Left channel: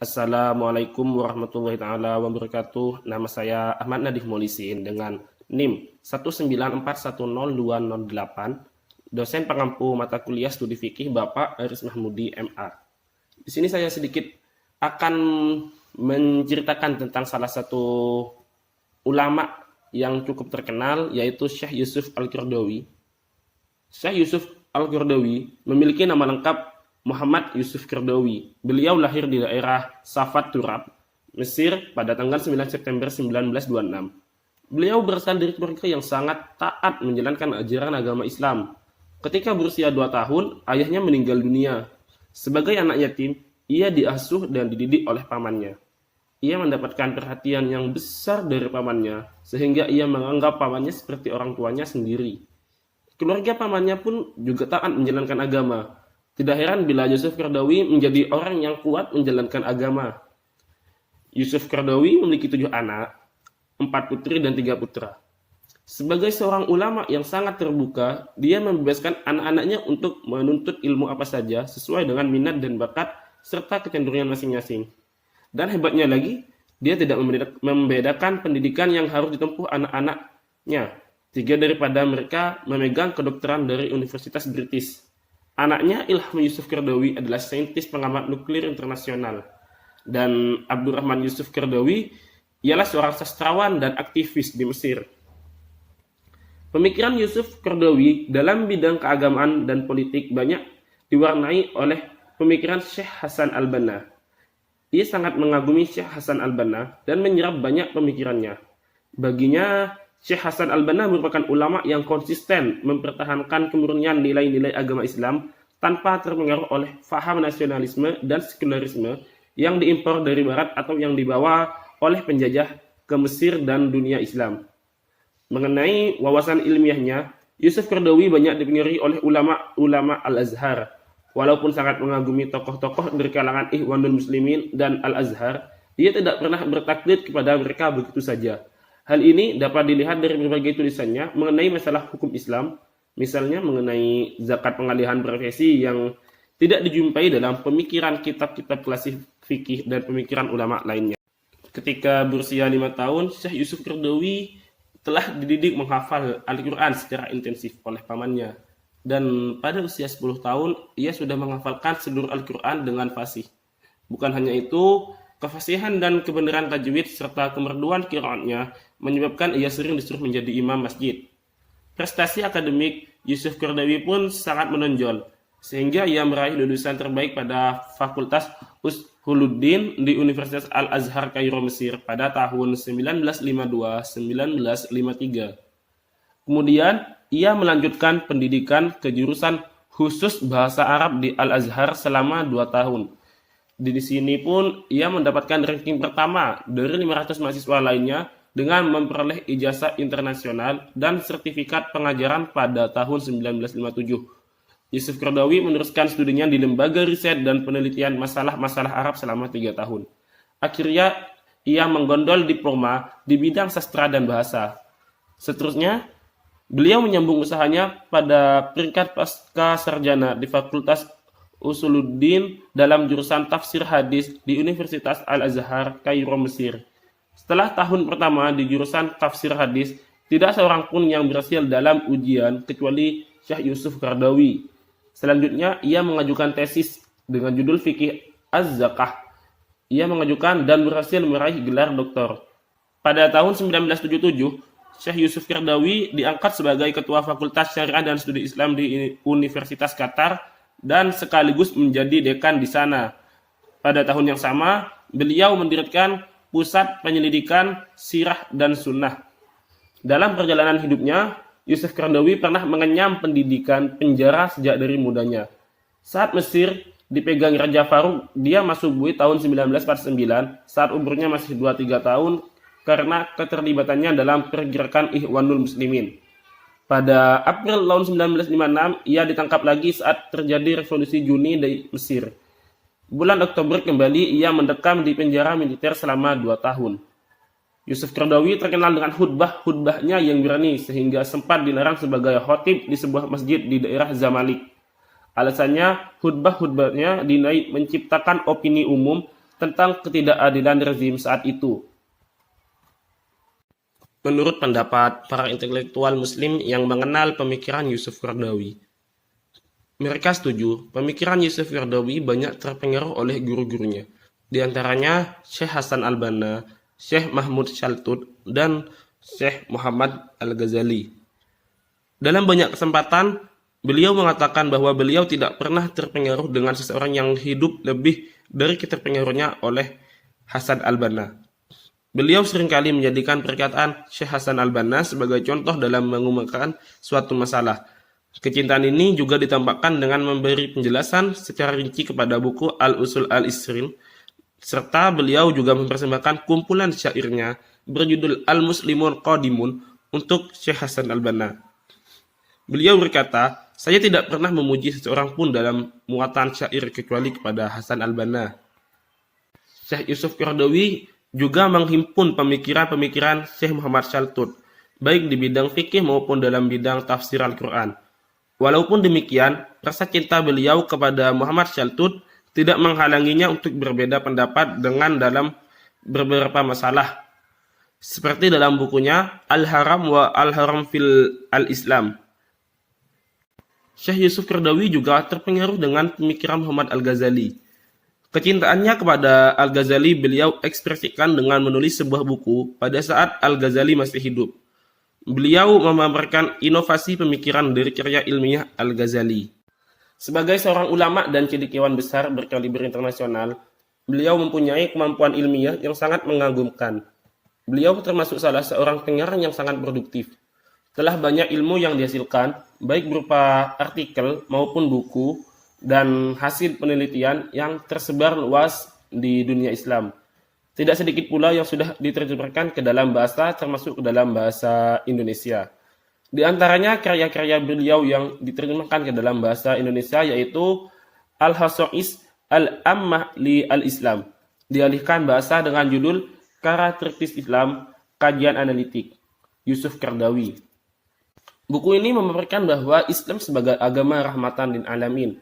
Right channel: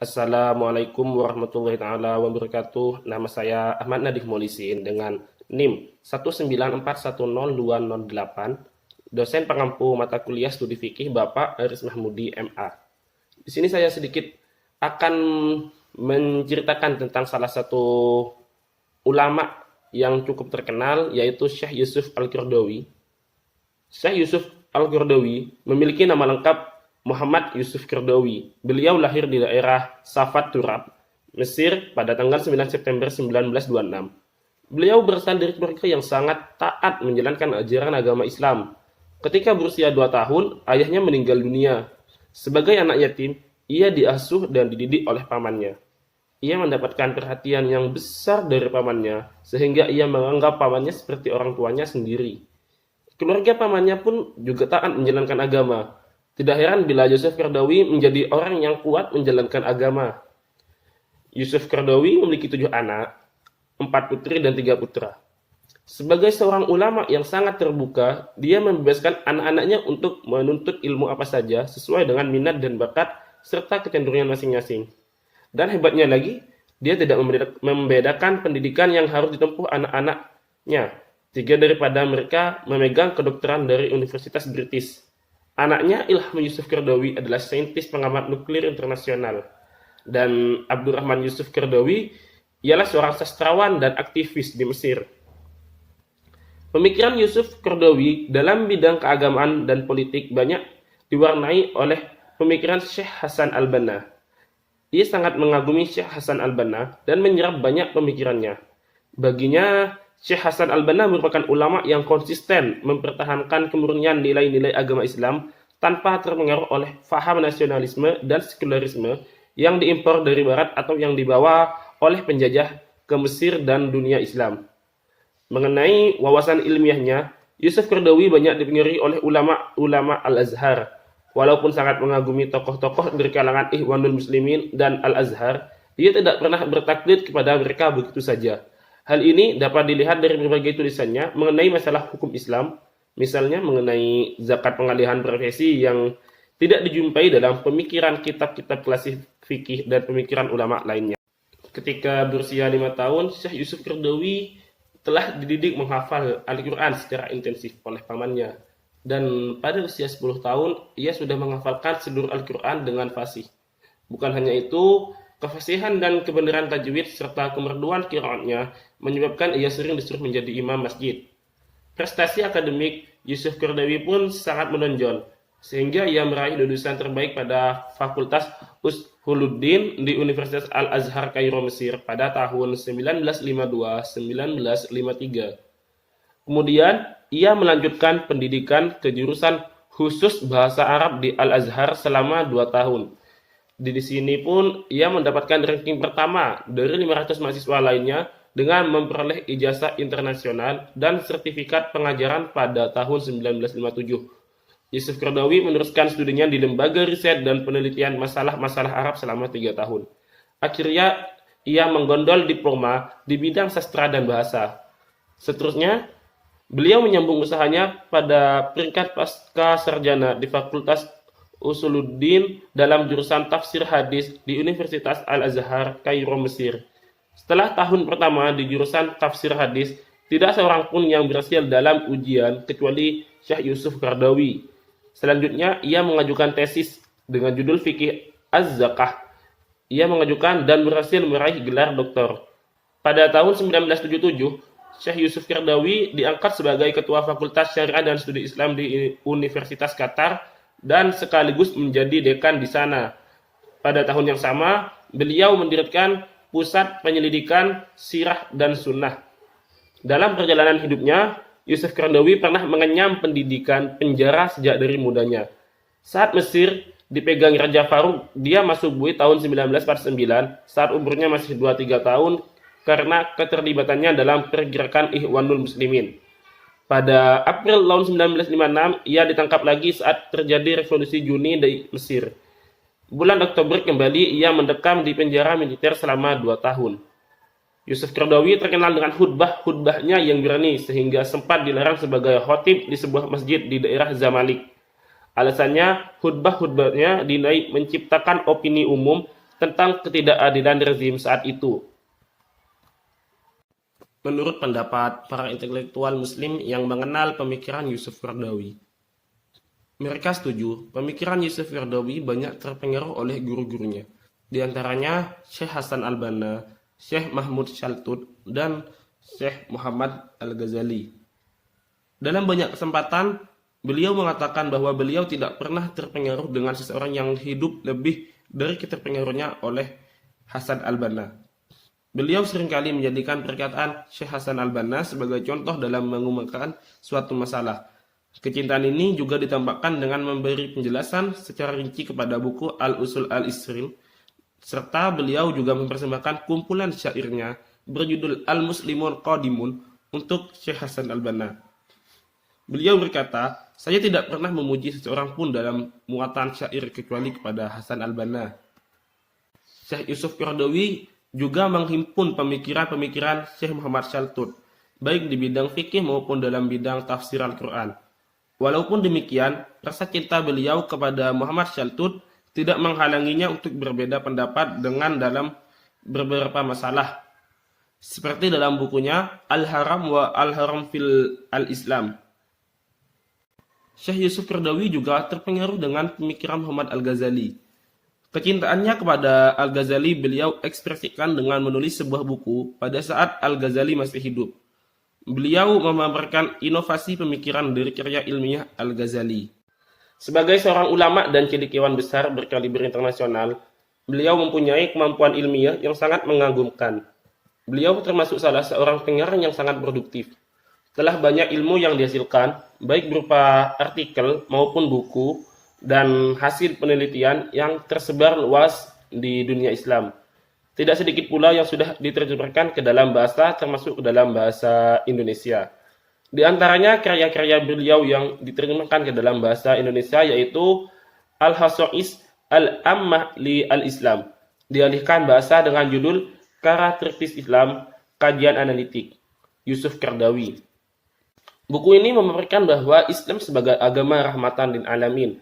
Assalamualaikum warahmatullahi taala wabarakatuh. Nama saya Ahmad Nadif Molisin dengan NIM 194102008, dosen pengampu mata kuliah studi fikih Bapak Aris Mahmudi MA. Di sini saya sedikit akan menceritakan tentang salah satu ulama yang cukup terkenal, yaitu Syekh Yusuf Al-Qaradawi. Syekh Yusuf Al-Qaradawi memiliki nama lengkap Muhammad Yusuf Qaradawi. Beliau lahir di daerah Safat Turab, Mesir pada tanggal 9 September 1926. Beliau berasal dari keluarga yang sangat taat menjalankan ajaran agama Islam. Ketika berusia 2 tahun, ayahnya meninggal dunia. Sebagai anak yatim, ia diasuh dan dididik oleh pamannya. Ia mendapatkan perhatian yang besar dari pamannya, sehingga ia menganggap pamannya seperti orang tuanya sendiri. Keluarga pamannya pun juga taat menjalankan agama. Tidak heran bila Yusuf Qaradawi menjadi orang yang kuat menjalankan agama. Yusuf Qaradawi memiliki 7 anak, 4 putri dan 3 putra. Sebagai seorang ulama yang sangat terbuka, dia membebaskan anak-anaknya untuk menuntut ilmu apa saja sesuai dengan minat dan bakat serta kecenderungan masing-masing. Dan hebatnya lagi, dia tidak membedakan pendidikan yang harus ditempuh anak-anaknya. 3 daripada mereka memegang kedokteran dari Universitas British. Anaknya Ilham Yusuf Qaradawi adalah saintis pengamat nuklir internasional. Dan Abdurrahman Yusuf Qaradawi ialah seorang sastrawan dan aktivis di Mesir. Pemikiran Yusuf Qaradawi dalam bidang keagamaan dan politik banyak diwarnai oleh pemikiran Syekh Hasan Al-Banna. Ia sangat mengagumi Syekh Hasan Al-Banna dan menyerap banyak pemikirannya. Baginya, Syekh Hasan Al-Banna merupakan ulama yang konsisten mempertahankan kemurnian nilai-nilai agama Islam tanpa terpengaruh oleh faham nasionalisme dan sekularisme yang diimpor dari barat atau yang dibawa oleh penjajah ke Mesir dan dunia Islam. Mengenai wawasan ilmiahnya, Yusuf Qaradawi banyak dipengaruhi oleh ulama-ulama Al-Azhar. Walaupun sangat mengagumi tokoh-tokoh dari kalangan Ikhwanul Muslimin dan Al-Azhar, ia tidak pernah bertaklid kepada mereka begitu saja. Hal ini dapat dilihat dari berbagai tulisannya mengenai masalah hukum Islam, misalnya mengenai zakat pengalihan profesi yang tidak dijumpai dalam pemikiran kitab-kitab klasik fikih dan pemikiran ulama lainnya. Ketika berusia 5 tahun, Syekh Yusuf Qaradawi telah dididik menghafal Al-Quran secara intensif oleh pamannya. Dan pada usia 10 tahun, ia sudah menghafalkan seluruh Al-Quran dengan fasih. Bukan hanya itu, kefasihan dan kebenaran tajwid serta kemerduan qiraatnya menyebabkan ia sering disuruh menjadi imam masjid. Prestasi akademik Yusuf Qaradawi pun sangat menonjol, sehingga ia meraih lulusan terbaik pada Fakultas Ushuluddin di Universitas Al-Azhar Kairo Mesir pada tahun 1952-1953. Kemudian, ia melanjutkan pendidikan ke jurusan khusus bahasa Arab di Al-Azhar selama 2 tahun. Di sini pun ia mendapatkan ranking pertama dari 500 mahasiswa lainnya dengan memperoleh ijazah internasional dan sertifikat pengajaran pada tahun 1957. Yusuf Qaradawi meneruskan studinya di lembaga riset dan penelitian masalah-masalah Arab selama 3 tahun. Akhirnya, ia menggondol diploma di bidang sastra dan bahasa. Seterusnya, beliau menyambung usahanya pada peringkat pasca sarjana di Fakultas Usuluddin dalam jurusan tafsir hadis di Universitas Al-Azhar Kairo Mesir. Setelah tahun pertama di jurusan tafsir hadis, tidak seorang pun yang berhasil dalam ujian kecuali Syekh Yusuf Qaradawi. Selanjutnya, ia mengajukan tesis dengan judul Fikih Az-Zakah. Ia mengajukan dan berhasil meraih gelar doktor. Pada tahun 1977, Syekh Yusuf Qaradawi diangkat sebagai Ketua Fakultas Syariah dan Studi Islam di Universitas Qatar dan sekaligus menjadi dekan di sana. Pada tahun yang sama, beliau mendirikan Pusat Penyelidikan Sirah dan Sunnah. Dalam perjalanan hidupnya, Yusuf Qaradawi pernah mengenyam pendidikan penjara sejak dari mudanya. Saat Mesir dipegang Raja Farouk, dia masuk bui tahun 1949 saat umurnya masih 2-3 tahun karena keterlibatannya dalam pergerakan Ikhwanul Muslimin. Pada April tahun 1956, ia ditangkap lagi saat terjadi revolusi Juni di Mesir. Bulan Oktober kembali ia mendekam di penjara militer selama 2 tahun. Yusuf Qaradawi terkenal dengan khutbah-khutbahnya yang berani sehingga sempat dilarang sebagai khatib di sebuah masjid di daerah Zamalek. Alasannya, khutbah-khutbahnya dinilai menciptakan opini umum tentang ketidakadilan rezim saat itu. Menurut pendapat para intelektual Muslim yang mengenal pemikiran Yusuf Qaradawi, mereka setuju pemikiran Yusuf Qaradawi banyak terpengaruh oleh guru-gurunya, di antaranya Syekh Hasan al-Banna, Syekh Mahmud Shaltut, dan Syekh Muhammad al-Ghazali. Dalam banyak kesempatan, beliau mengatakan bahwa beliau tidak pernah terpengaruh dengan seseorang yang hidup lebih dari terpengaruhnya oleh Hasan al-Banna. Beliau seringkali menjadikan perkataan Syekh Hasan al-Banna sebagai contoh dalam mengumumkan suatu masalah. Kecintaan ini juga ditambahkan dengan memberi penjelasan secara rinci kepada buku Al-Usul al-Isrin, serta beliau juga mempersembahkan kumpulan syairnya berjudul Al-Muslimun Qadimun untuk Syekh Hasan al-Banna. Beliau berkata, "Saya tidak pernah memuji seseorang pun dalam muatan syair kecuali kepada Hasan al-Banna." Syekh Yusuf Qaradawi juga menghimpun pemikiran-pemikiran Syekh Muhammad Shaltut, baik di bidang fikih maupun dalam bidang tafsir Al-Quran. Walaupun demikian, rasa cinta beliau kepada Muhammad Shaltut tidak menghalanginya untuk berbeda pendapat dengan dalam beberapa masalah, seperti dalam bukunya Al-Haram wa Al-Haram fil Al-Islam. Syekh Yusuf Qaradawi juga terpengaruh dengan pemikiran Muhammad al-Ghazali. Kecintaannya kepada Al-Ghazali beliau ekspresikan dengan menulis sebuah buku pada saat Al-Ghazali masih hidup. Beliau memamerkan inovasi pemikiran dari karya ilmiah Al-Ghazali. Sebagai seorang ulama dan cendekiawan besar berkaliber internasional, beliau mempunyai kemampuan ilmiah yang sangat mengagumkan. Beliau termasuk salah seorang pengarang yang sangat produktif. Telah banyak ilmu yang dihasilkan, baik berupa artikel maupun buku, dan hasil penelitian yang tersebar luas di dunia Islam. Tidak sedikit pula yang sudah diterjemahkan ke dalam bahasa, termasuk ke dalam bahasa Indonesia. Di antaranya karya-karya beliau yang diterjemahkan ke dalam bahasa Indonesia yaitu Al-Hasa'is Al-Ammah li Al-Islam, dialihkan bahasa dengan judul Karakteristik Islam, Kajian Analitik, Yusuf Qaradawi. Buku ini memaparkan bahwa Islam sebagai agama rahmatan lil alamin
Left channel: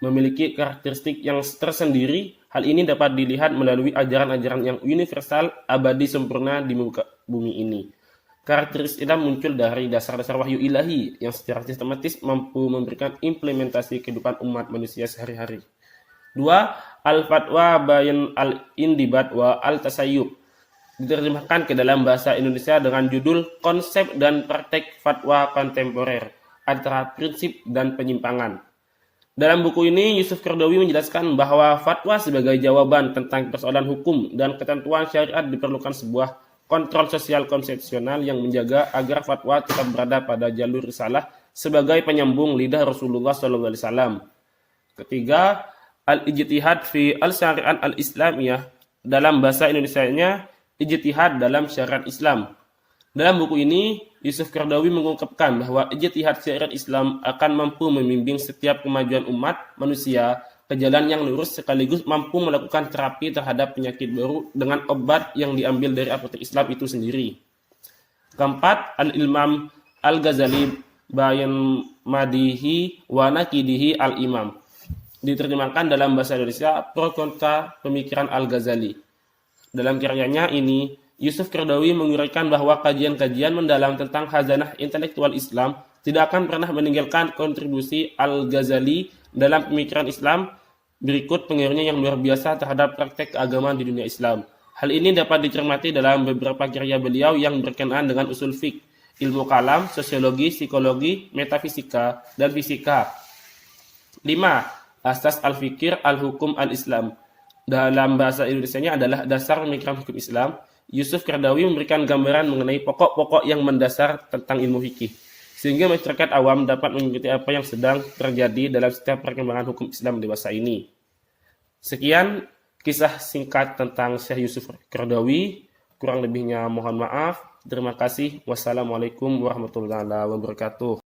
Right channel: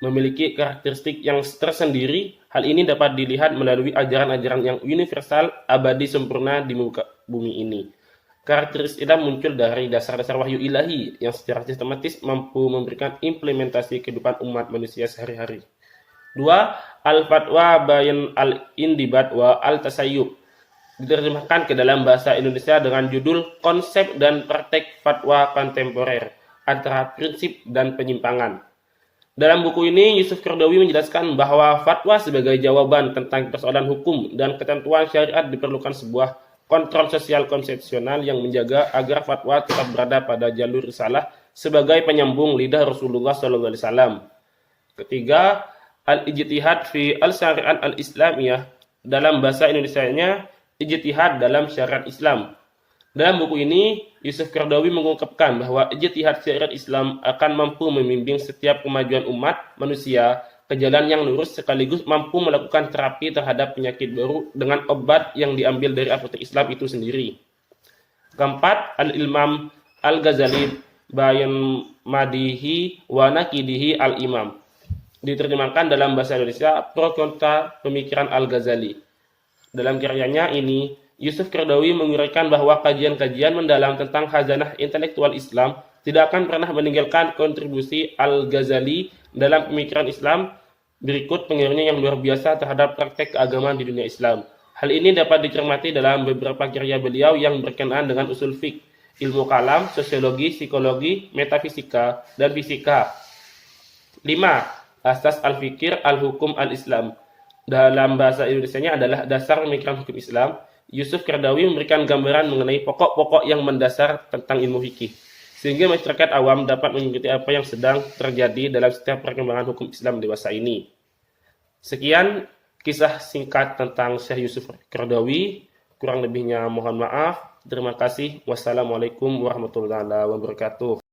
memiliki karakteristik yang tersendiri. Hal ini dapat dilihat melalui ajaran-ajaran yang universal, abadi, sempurna di muka bumi ini. Karakteristik Islam muncul dari dasar-dasar wahyu ilahi yang secara sistematis mampu memberikan implementasi kehidupan umat manusia sehari-hari. 2. Al-Fatwa Bayan Al-Indibat wa Al-Tasayyub, diterjemahkan ke dalam bahasa Indonesia dengan judul Konsep dan Praktek Fatwa Kontemporer antara Prinsip dan Penyimpangan. Dalam buku ini, Yusuf Qaradawi menjelaskan bahwa fatwa sebagai jawaban tentang persoalan hukum dan ketentuan syariat diperlukan sebuah kontrol sosial konsepsional yang menjaga agar fatwa tetap berada pada jalur risalah sebagai penyambung lidah Rasulullah SAW. Ketiga, al-ijtihad fi al-syariat al-islamiyah, dalam bahasa Indonesianya ijtihad dalam syariat Islam. Dalam buku ini, Yusuf Qaradawi mengungkapkan bahwa ijtihad syariat Islam akan mampu membimbing setiap kemajuan umat manusia ke jalan yang lurus sekaligus mampu melakukan terapi terhadap penyakit baru dengan obat yang diambil dari apotek Islam itu sendiri. Keempat, Al-Imam Al-Ghazali Bayan Madihi wa Nakidihi Al-Imam, diterjemahkan dalam bahasa Indonesia pro kontra pemikiran Al-Ghazali. Dalam karyanya ini, Yusuf Qaradawi menguraikan bahwa kajian-kajian mendalam tentang khazanah intelektual Islam tidak akan pernah meninggalkan kontribusi Al-Ghazali dalam pemikiran Islam. Berikut pengaruhnya yang luar biasa terhadap praktek keagamaan di dunia Islam. Hal ini dapat dicermati dalam beberapa karya beliau yang berkenaan dengan usul fiqh, ilmu kalam, sosiologi, psikologi, metafisika, dan fisika. 5. Asas al-fikir al-hukum al-Islam. Dalam bahasa Indonesianya adalah dasar pemikiran hukum Islam. Yusuf Qaradawi memberikan gambaran mengenai pokok-pokok yang mendasar tentang ilmu fikih, sehingga masyarakat awam dapat mengikuti apa yang sedang terjadi dalam setiap perkembangan hukum Islam dewasa ini. Sekian kisah singkat tentang Syekh Yusuf Qaradawi. Kurang lebihnya mohon maaf. Terima kasih. Wassalamualaikum warahmatullahi wabarakatuh.